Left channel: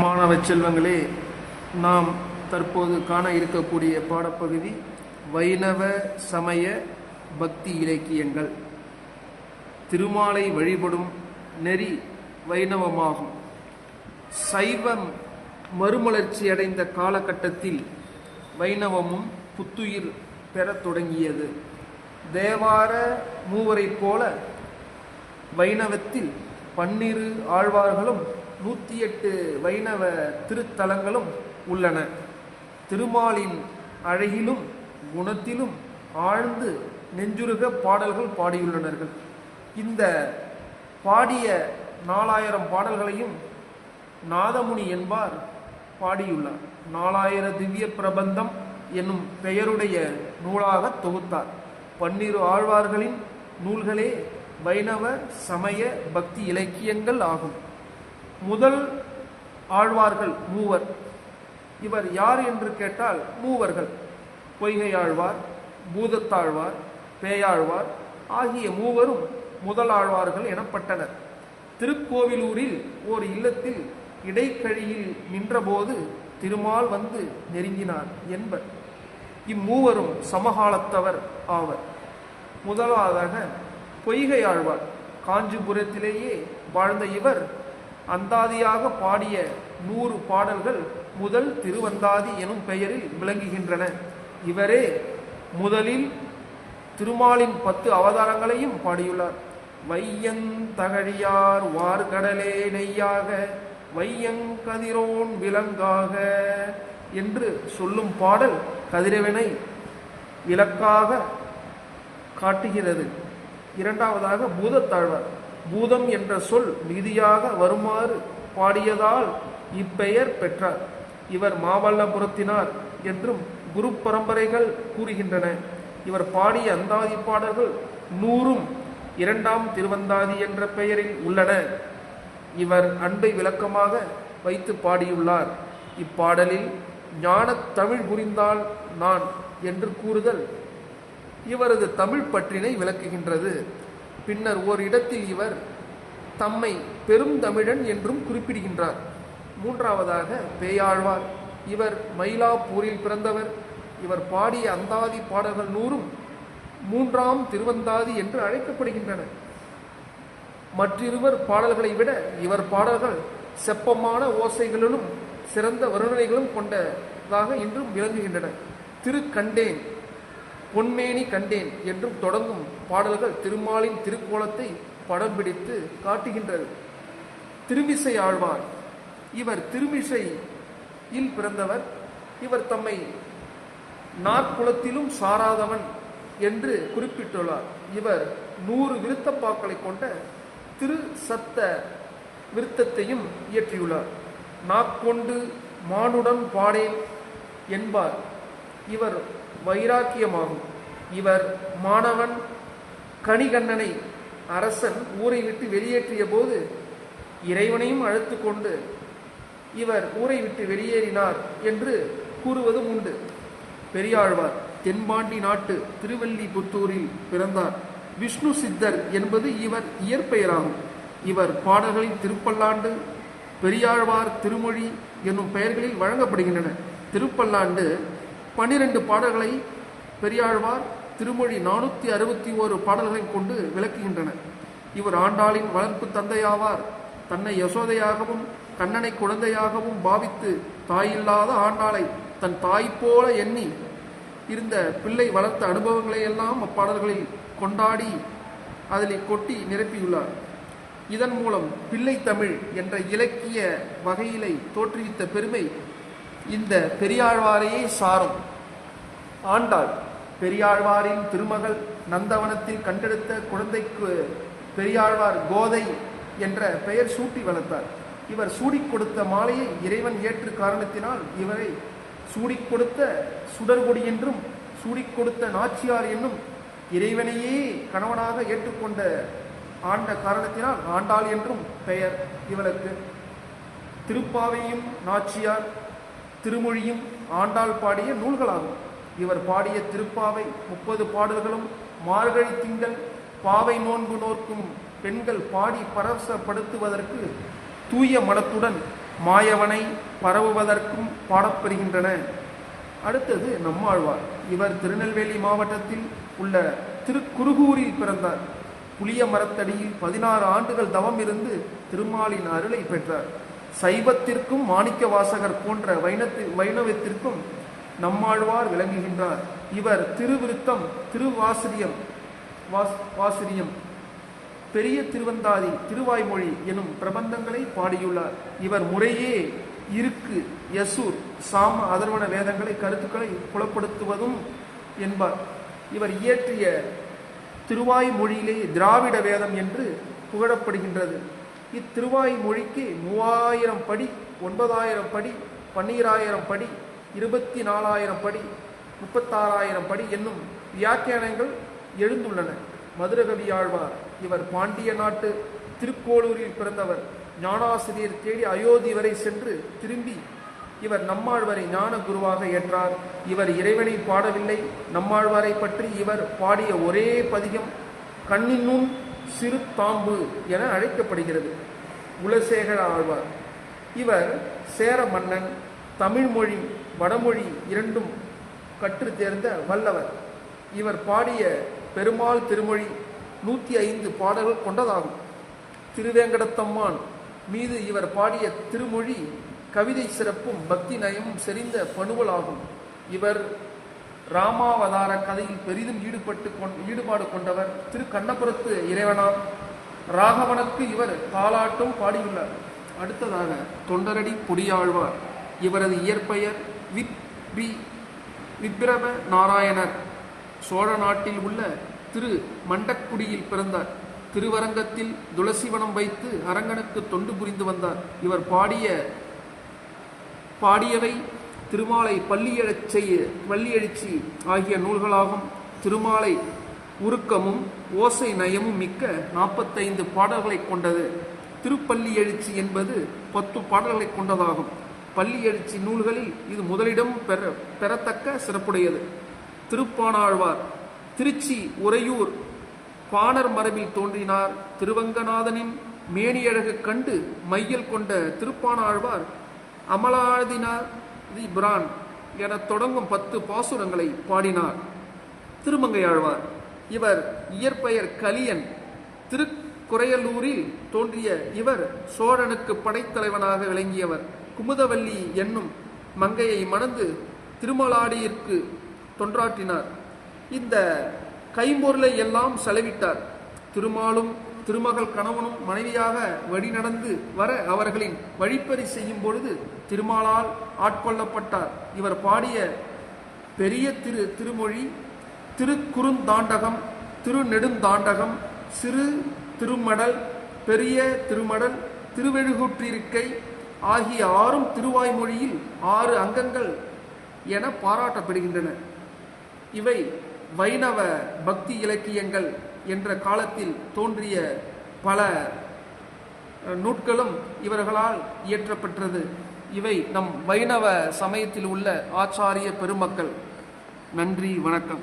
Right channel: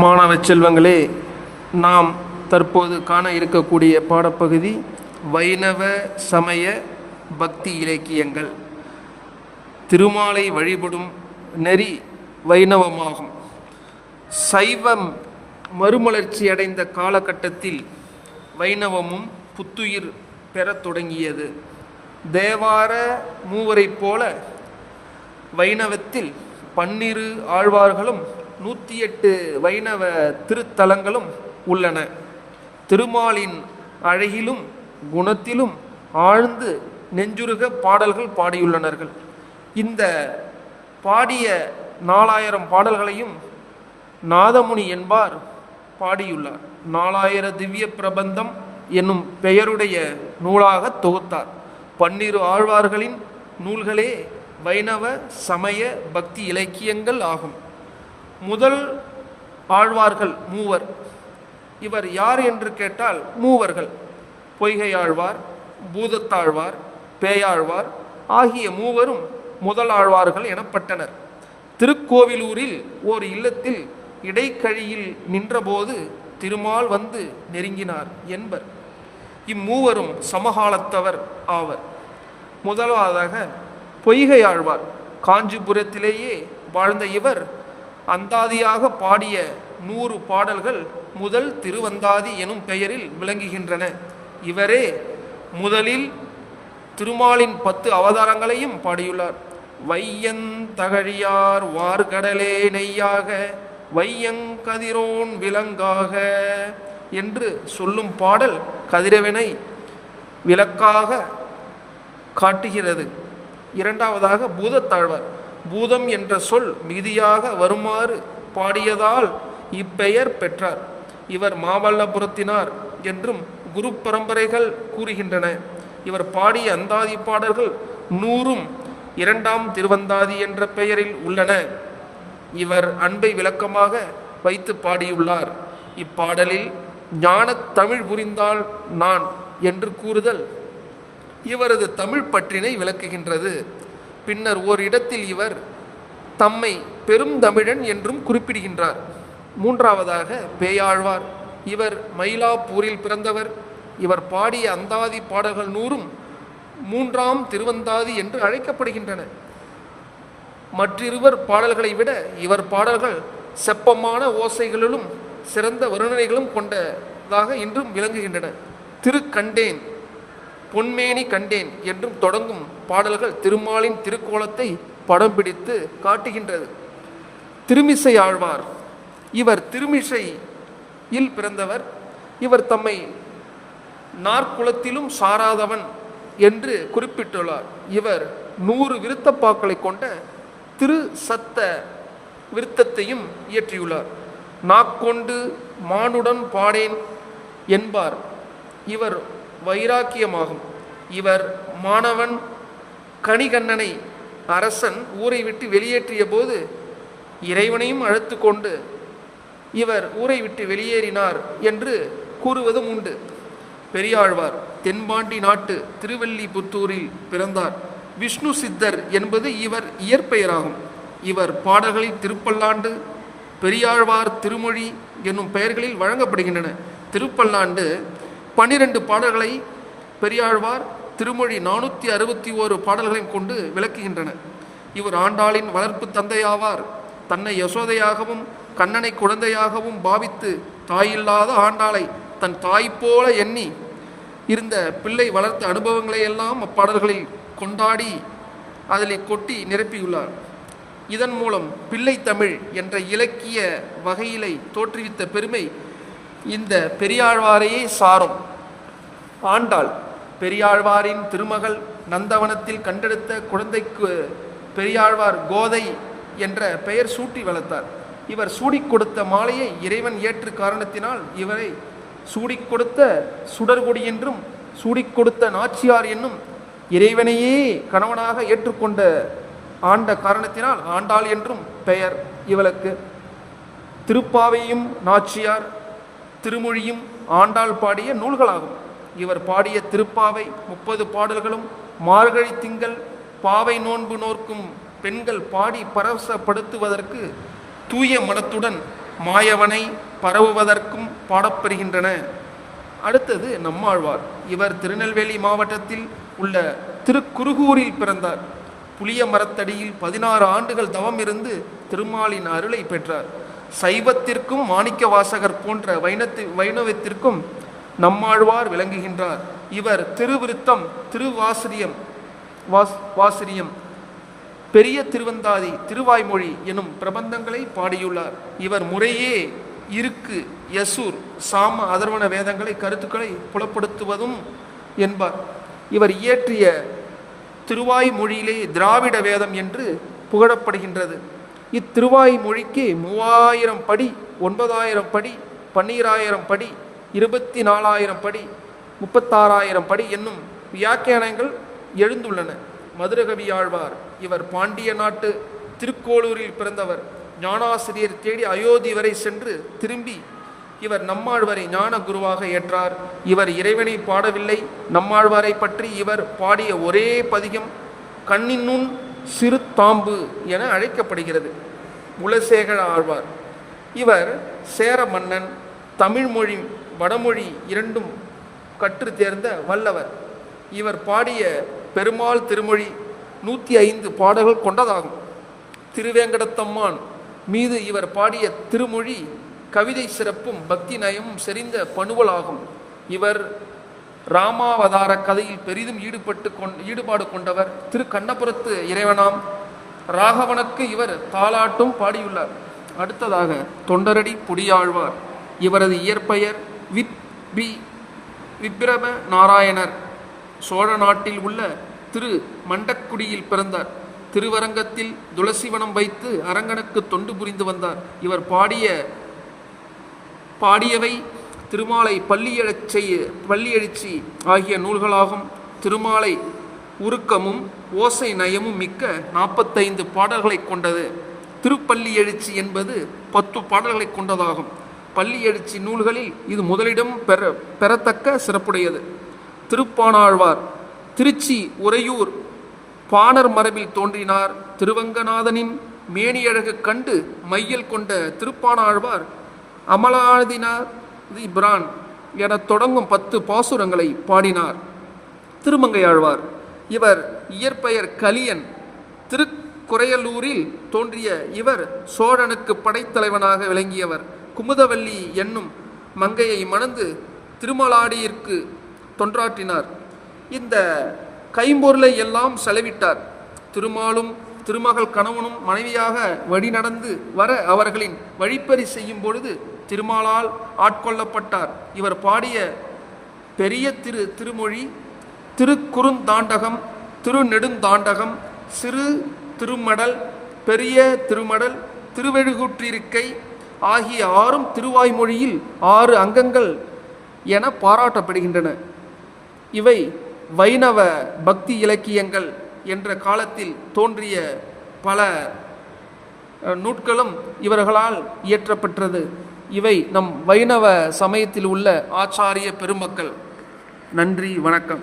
மாணவ செல்வங்களே, நாம் தற்போது காண இருக்கக்கூடிய பாடப்பகுதி வைணவ சமய பக்தி இலக்கியங்கள். திருமாலை வழிபடும் நெறி வைணவமாகும். சைவம் மறுமலர்ச்சி அடைந்த காலகட்டத்தில் வைணவமும் புத்துயிர் பெறத் தொடங்கியது. தேவார மூவரைப் போல வைணவத்தில் 12 ஆழ்வார்களும் 108 வைணவ திருத்தலங்களும் உள்ளன. திருமாலின் அழகிலும் குணத்திலும் ஆழ்ந்து நெஞ்சுருக பாடல்கள் பாடியுள்ளனர்கள். இந்த பாடிய 4000 பாடல்களையும் நாதமுனி என்பார் பாடியுள்ளார். 4000 திவ்ய பிரபந்தம் என்னும் பெயருடைய நூலாக தொகுத்தார். 12 ஆழ்வார்களின் நூல்களே வைணவ சமய பக்தி இலக்கியங்கள் ஆகும். முதல் ஆழ்வார்கள் மூவர். இவர் யார் என்று கேட்டால் மூவர்கள்: பொய்கை ஆழ்வார், பூதத்தாழ்வார், பேயாழ்வார் ஆகிய மூவரும் முதல் ஆழ்வார்கள் எனப்பட்டனர். திருக்கோவிலூரில் ஓர் இல்லத்தில் இடைக்கழியில் நின்றபோது திருமால் வந்து நெருங்கினார் என்பர். இம்மூவரும் சமகாலத்தவர் ஆவர். முதலாவதாக பொய்கை ஆழ்வார். காஞ்சிபுரத்திலேயே வாழ்ந்த இவர் அந்தாதியாக பாடிய 100 பாடல்கள் முதல் திருவந்தாதி எனும் பெயரில் விளங்குகின்றன. இவரே முதலில் திருமாலின் 10 அவதாரங்களையும் பாடியுள்ளார். வையந்தகழியார் வார்கடலே நெய்யாக வையங்கதிரோன் விலங்காக என்று சொல்லும் பாடல் கதிரவனை விளக்காக காட்டுகிறது. இரண்டாவதாக பூதத்தாழ்வார். பூதம் என்ற சொல் மிகுதியாக வருமாறு பாடியதால் இப்பெயர் பெற்றார். இவர் மாமல்லபுரத்தினார் என்றும் குரு பரம்பரைகள் கூறுகின்றன. இவர் பாடிய அந்தாதி பாடல்கள் 100ம் 2ஆம் திருவந்தாதி என்ற பெயரில் உள்ளன. இவர் அன்பை விளக்கமாக வைத்து பாடியுள்ளார். இப்பாடலில் ஞான தமிழ் புரிந்தால் நான் என்று கூறுதல் இவரது தமிழ் பற்றினை விளக்குகின்றது. பின்னர் ஓரிடத்தில் இவர் தம்மை பெரும் தமிழன் என்றும் குறிப்பிடுகின்றார். மூன்றாவதாக பேயாழ்வார். இவர் மயிலாப்பூரில் பிறந்தவர். இவர் பாடிய அந்தாதி பாடல்கள் 100ம் 3ஆம் திருவந்தாதி என்று அழைக்கப்படுகின்றன. மற்றிருவர் பாடல்களை விட இவர் பாடல்கள் செப்பமான ஓசைகளிலும் சிறந்த வர்ணனைகளும் கொண்டதாக இன்றும் விளங்குகின்றன. திருக்கண்டேன், பொன்மேனி கண்டேன் என்றும் தொடங்கும் பாடல்கள் திருமாலின் திருக்கோலத்தை படம் பிடித்து காட்டுகின்றது. திருமிசை ஆழ்வார். இவர் திருமிசையில் பிறந்தவர். இவர் தம்மை நாற்குலத்திலும் சாராதவன் என்று குறிப்பிட்டுள்ளார். இவர் 100 விருத்தப்பாக்களை கொண்ட திரு சத்த விருத்தத்தையும் இயற்றியுள்ளார். நாக்கொண்டு மானுடன் பாடேன் என்பார். இவர் வைராக்கியமாகும். இவர் மாணவன் கணிகண்ணனை அரசன் ஊரை விட்டு வெளியேற்றிய போது இறைவனையும் அழைத்து கொண்டு இவர் ஊரை விட்டு வெளியேறினார் என்று கூறுவதும் உண்டு. பெரியாழ்வார். தென்பாண்டி நாட்டு திருவல்லிபுத்தூரில் பிறந்தார். விஷ்ணு சித்தர் என்பது இவர் இயற்பெயராகும். இவர் பாடல்களில் திருப்பல்லாண்டு, பெரியாழ்வார் திருமொழி என்னும் பெயர்களில் வழங்கப்படுகின்றன. திருப்பல்லாண்டு 12 பாடல்களை, பெரியாழ்வார் திருமொழி 461 பாடல்களையும் கொண்டு விளக்குகின்றன. இவர் ஆண்டாளின் வளர்ப்பு தந்தையாவார். தன்னை யசோதையாகவும் கண்ணனை குழந்தையாகவும் பாவித்து தாயில்லாத ஆண்டாளை தன் தாய் போல எண்ணி இருந்த பிள்ளை வளர்த்த அனுபவங்களை எல்லாம் அப்பாடல்களில் கொண்டாடி அதில் கொட்டி நிரப்பியுள்ளார். இதன் மூலம் பிள்ளை தமிழ் என்ற இலக்கிய வகையிலை தோற்றுவித்த பெருமை இந்த பெரியாழ்வாரையே சாரும். ஆண்டாள் பெரியாழ்வாரின் திருமகள் நந்தவனத்தில் கண்டெடுத்த குழந்தைக்கு பெரியாழ்வார் கோதை என்ற பெயர் சூட்டி வளர்த்தார். இவர் சூடிக் கொடுத்த மாலையை இறைவன் ஏற்று காரணத்தினால் இவரை சூடிக் கொடுத்த சுடர்கொடி என்றும், சூடிக் கொடுத்த நாச்சியார் என்னும் இறைவனையே கணவனாக ஏற்றுக்கொண்ட ஆண்ட காரணத்தினால் ஆண்டாள் என்றும் பெயர் இவளுக்கு. திருப்பாவையும் நாச்சியார், திருமொழியும் ஆண்டாள் பாடிய நூல்களாகும். இவர் பாடிய திருப்பாவை 30 பாடல்களும் மார்கழி திங்கள் பாவை நோன்பு நோக்கும் பெண்கள் பாடி பரவசப்படுத்துவதற்கு தூய மனத்துடன் மாயவனை பரவுவதற்கும் பாடப்பெறுகின்றன. அடுத்தது நம்மாழ்வார். இவர் திருநெல்வேலி மாவட்டத்தில் உள்ள திருக்குருகூரில் பிறந்தார். புளிய மரத்தடியில் 16 ஆண்டுகள் தவம் இருந்து திருமாலின் அருளை பெற்றார். சைவத்திற்கும் மாணிக்க வாசகர் போன்ற வைணவத்திற்கும் நம்மாழ்வார் விளங்குகின்றார். இவர் திருவிருத்தம், வாசிரியம், பெரிய திருவந்தாதி, திருவாய்மொழி எனும் பிரபந்தங்களை பாடியுள்ளார். இவர் முறையே இருக்கு, யசூர், சாம, அதர்வண வேதங்களை கருத்துக்களை புலப்படுத்துவதும் என்பார். இவர் இயற்றிய திருவாய்மொழியிலே திராவிட வேதம் என்று புகழப்படுகின்றது. இத்திருவாய்மொழிக்கு 3000 படி, 9000 படி, 12000 படி, 24,000 படி, 36,000 படி என்னும் வியாக்கியானங்கள் எழுந்துள்ளன. மதுரகவி ஆழ்வார். இவர் பாண்டிய நாட்டு திருக்கோளூரில் பிறந்தவர். ஞானாசிரியர் தேடி அயோத்தி வரை சென்று திரும்பி இவர் நம்மாழ்வாரை ஞான குருவாக ஏற்றார். இவர் இறைவனை பாடவில்லை. நம்மாழ்வாரை பற்றி இவர் பாடிய ஒரே பதிகம் கண்ணினுன் சிறு தாம்பு என அழைக்கப்படுகிறது. குலசேகர ஆழ்வார். இவர் சேர மன்னன். தமிழ்மொழி வடமொழி இரண்டும் கற்று தேர்ந்த வல்லவர். இவர் பாடிய பெருமாள் திருமொழி 105 பாடல்கள் கொண்டதாகும். திருவேங்கடத்தம்மான் மீது இவர் பாடிய திருமொழி கவிதை சிறப்பும் பக்தி நயமும் செறிந்த பணுவலாகும். இவர் ராமாவதார கதையில் பெரிதும் ஈடுபாடு கொண்டவர். திரு கண்ணபுரத்து இறைவனாம் ராகவனுக்கு இவர் தாலாட்டும் பாடியுள்ளார். அடுத்ததாக தொண்டரடி பொடியாழ்வார். இவரது இயற்பெயர் விப்ரப நாராயணர். சோழ நாட்டில் உள்ள திரு மண்டக்குடியில் பிறந்தார். திருவரங்கத்தில் துளசிவனம் வைத்து அரங்கனுக்கு தொண்டு புரிந்து வந்தார். இவர் பாடியவை திருமாலை பள்ளியெழுச்சி ஆகிய நூல்களாகும். திருமாலை உருக்கமும் ஓசை நயமும் மிக்க 45 பாடல்களை கொண்டது. திருப்பள்ளி எழுச்சி என்பது 10 பாடல்களை கொண்டதாகும். பள்ளி எழுச்சி நூல்களில் இது முதலிடம் பெறத்தக்க சிறப்புடையது. திருப்பாணாழ்வார். திருச்சி உறையூர் பாணர் மரபில் தோன்றினார். திருவங்கநாதனின் மேனியழகு கண்டு மையல் கொண்ட திருப்பாணாழ்வார் அமலாதினார் பிரான் என தொடங்கும் 10 பாசுரங்களை பாடினார். திருமங்கையாழ்வார். இவர் இயற்பெயர் கலியன். திருக்குறையலூரில் தோன்றிய இவர் சோழனுக்கு படைத்தலைவனாக விளங்கியவர். குமுதவல்லி என்னும் மங்கையை மணந்து திருமலாடியிற்கு தொன்றாற்றினார். இந்த கைம்பொருளை எல்லாம் செலவிட்டார். திருமாலும் திருமகள் கணவனும் மனைவியாக வழி நடந்து வர அவர்களின் வழிப்பறி செய்யும் பொழுது திருமாலால் ஆட்கொள்ளப்பட்டார். இவர் பாடிய பெரிய திருமொழி, திருக்குறுந்தாண்டகம், திருநெடுந்தாண்டகம், சிறு திருமடல், பெரிய திருமடல், திருவெழுகூற்றிருக்கை ஆகிய 6 திருவாய்மொழியில் 6 அங்கங்கள் என பாராட்டப்படுகின்றன. இவை வைணவ பக்தி இலக்கியங்கள் என்ற காலத்தில் தோன்றிய பல நூட்களும் இவர்களால் இயற்றப்பட்டது. இவை நம் வைணவ சமயத்தில் உள்ள ஆச்சாரிய பெருமக்கள். நன்றி, வணக்கம்.